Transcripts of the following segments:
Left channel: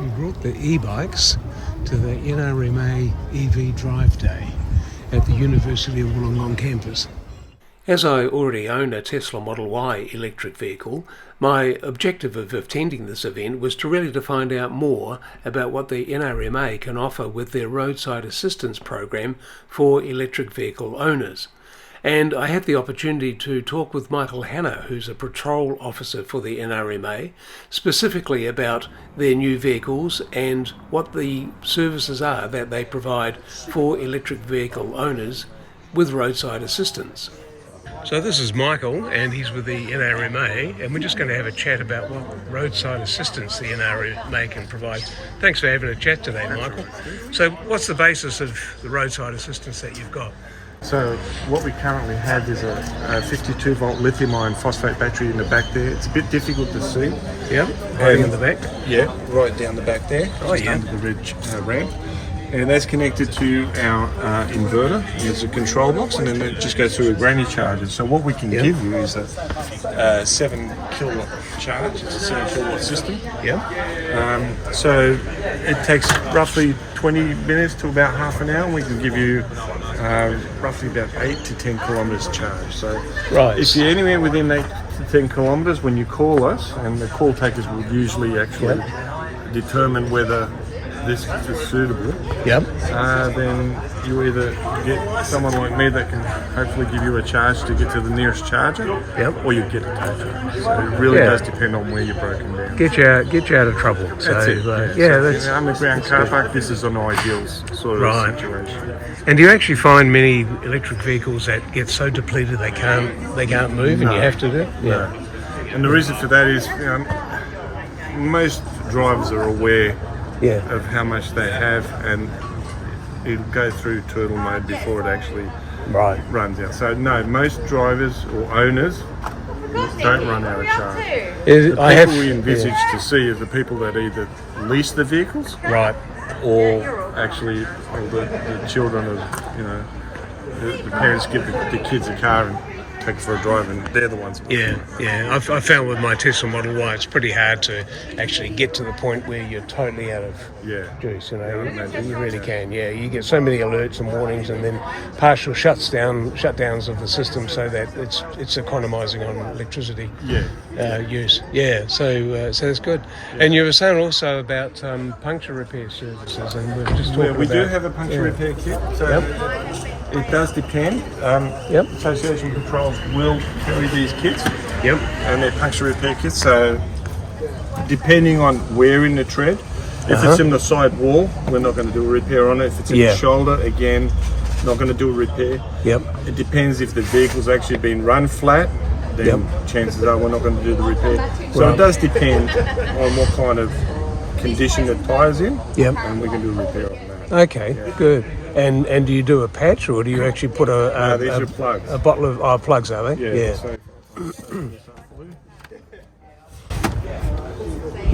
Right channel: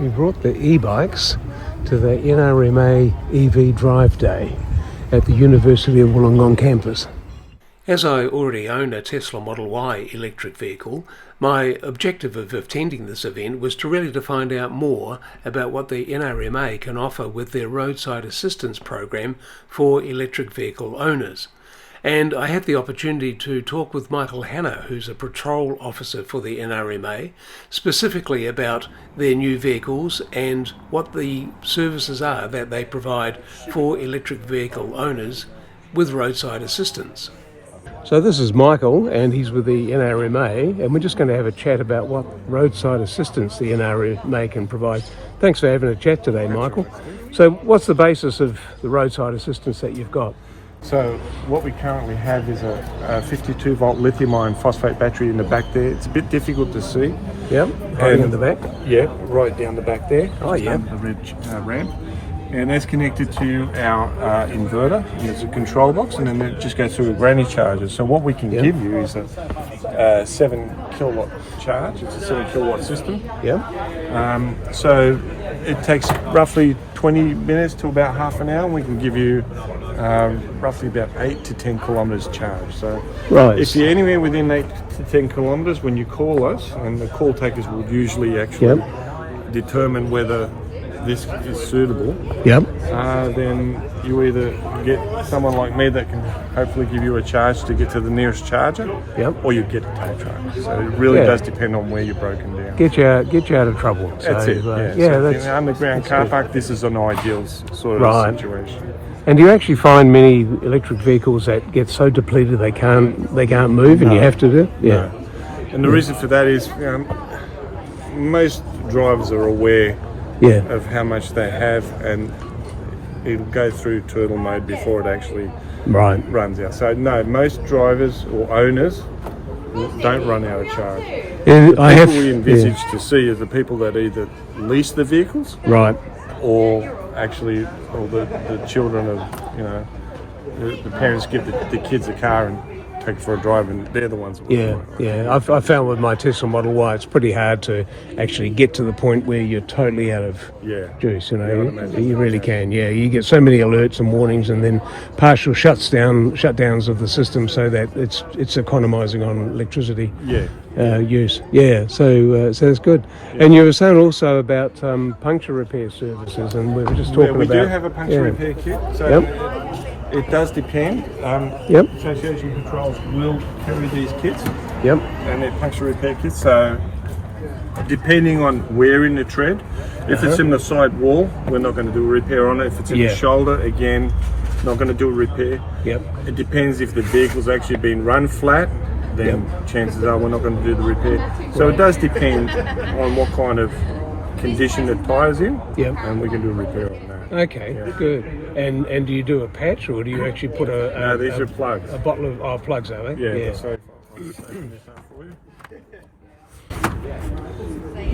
We brought the e-bikes to the NRMA EV Drive Day at the University of Wollongong campus. As I already own a Tesla Model Y electric vehicle, my objective of attending this event was really to find out more about what the NRMA can offer with their Roadside Assistance program for electric vehicle owners. And I had the opportunity to talk with Michael Hanna, who's a patrol officer for the NRMA, specifically about their new vehicles and what the services are that they provide for electric vehicle owners with roadside assistance. So this is Michael, and he's with the NRMA, and we're just going to have a chat about what roadside assistance the NRMA can provide. Thanks for having a chat today, Michael. So what's the basis of the roadside assistance that you've got? So what we currently have is a 52 volt lithium iron phosphate battery in the back there. It's a bit difficult to see. Yep, hiding in the back. Yeah, right down the back there. Oh yeah. Under the ridge ramp. And that's connected to our inverter. There's a control box, and then it just goes through a granny charger. So what we can give you is a 7 kilowatt charge. It's a 7 kilowatt system. Yep. So it takes roughly 20 minutes to about half an hour, and we can give you roughly about 8 to 10 kilometres charge. So right. If you're anywhere within 8 to 10 kilometres, when you call us, and the call takers will usually actually determine whether this is suitable, then you either get someone like me that can hopefully give you a charge to get to the nearest charger, or you get a tow truck. So it really does depend on where you're broken down. Get you out of trouble. That's so, it. That's in an underground car park. This is an ideal sort of situation. And do you actually find many electric vehicles that get so depleted they can't move, and you have to do? No. And the reason for that is most drivers are aware of how much they have, and it'll go through turtle mode before it actually runs out. So no, most drivers or owners don't run out of charge. The people we envisage to see are the people that either lease the vehicles, or actually, or the children of, the parents give the kids a car and take it for a drive, and they're the ones that I found with my Tesla Model Y it's pretty hard to actually get to the point where you're totally out of juice. You really can. You get so many alerts and warnings, and then partial shutdowns of the system, so that it's economising on electricity use. So that's good. And you were saying also about puncture repair services, and we were just talking about... we do have a puncture repair kit. So it does depend. Association patrols will carry these kits. And they're puncture repair kits. So depending on where in the tread, if it's in the side wall, we're not going to do a repair on it. If it's in the shoulder, again, not going to do a repair. It depends if the vehicle's actually been run flat, then chances are we're not going to do the repair. So it does depend on what kind of condition the tire's in, and we can do a repair on that. Okay, good. And do you do a patch, or do you actually put these are plugs. A bottle of plugs, are they?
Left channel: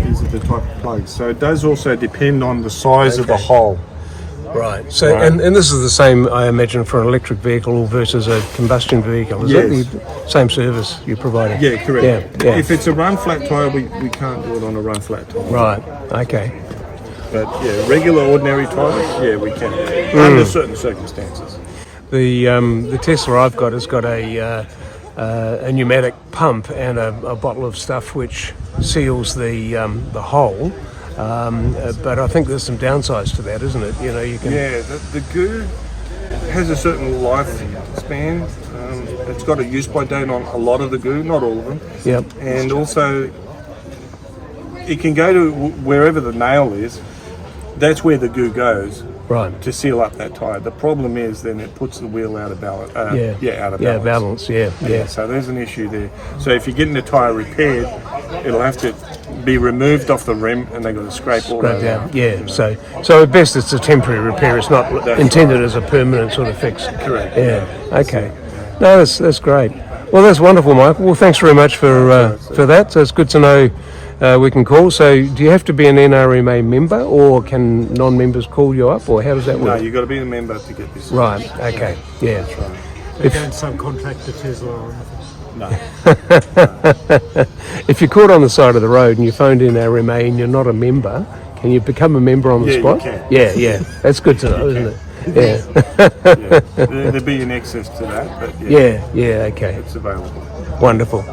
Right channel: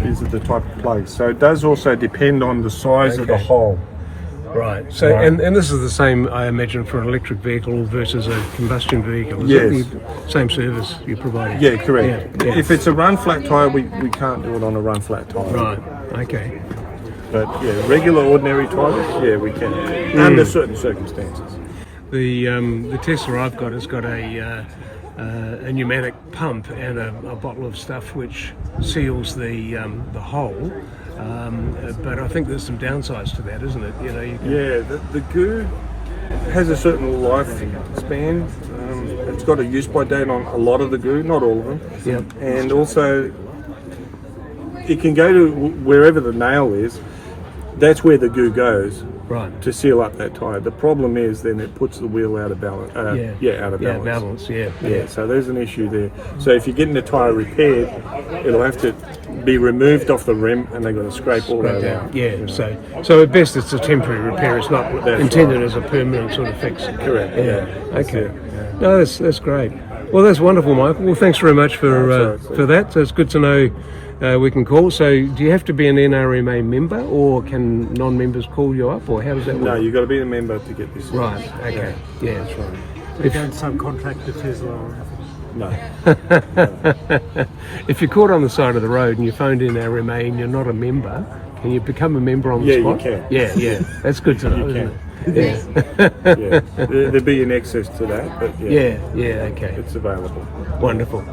These are the type of plugs. So it does also depend on the size of the hole. Right. So and this is the same, I imagine, for an electric vehicle versus a combustion vehicle. Is it same service you're providing? Yeah, correct. If it's a run flat tyre, we can't do it on a run flat tyre. Right. Okay. But regular ordinary tyres, we can, under certain circumstances. The Tesla I've got has got a pneumatic pump and a bottle of stuff which seals the hole. But I think there's some downsides to that, isn't it? You can... the goo has a certain lifespan. It's got a use by date on a lot of the goo, not all of them. And also, it can go to wherever the nail is. That's where the goo goes to seal up that tyre. The problem is then it puts the wheel out of balance. Out of balance. So there's an issue there. So if you're getting the tyre repaired, it'll have to be removed off the rim, and they're going to scrape all that out. So at best it's a temporary repair. It's not intended as a permanent sort of fix. Correct. Okay. No, that's great. Well, that's wonderful, Michael. Well, thanks very much for that. So it's good to know we can call. So do you have to be an NRMA member, or can non-members call you up, or how does that work? No, you've got to be a member to get this. Right, okay. That's right. They don't subcontract to Tesla or anything? No. If you're caught on the side of the road and you phoned NRMA and you're not a member, Can you become a member on the Yeah, spot? you can. Yeah. That's good to know, isn't it? Yeah, there'd be an access to that, but Yeah, okay. it's available. Wonderful.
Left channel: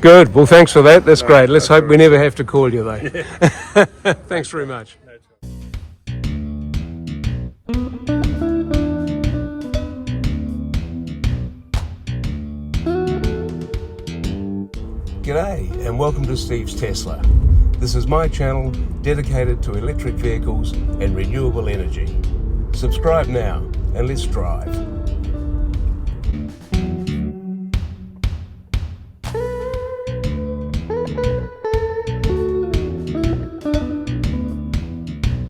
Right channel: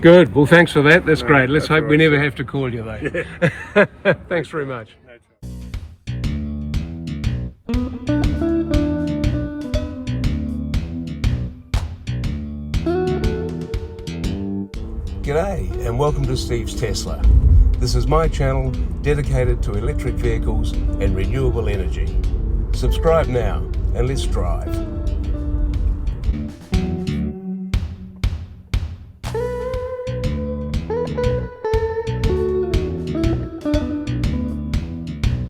Good. Well, thanks for that. That's great. Let's hope we never have to call you, though. Thanks very much. G'day and welcome to Steve's Tesla. This is my channel dedicated to electric vehicles and renewable energy. Subscribe now and let's drive.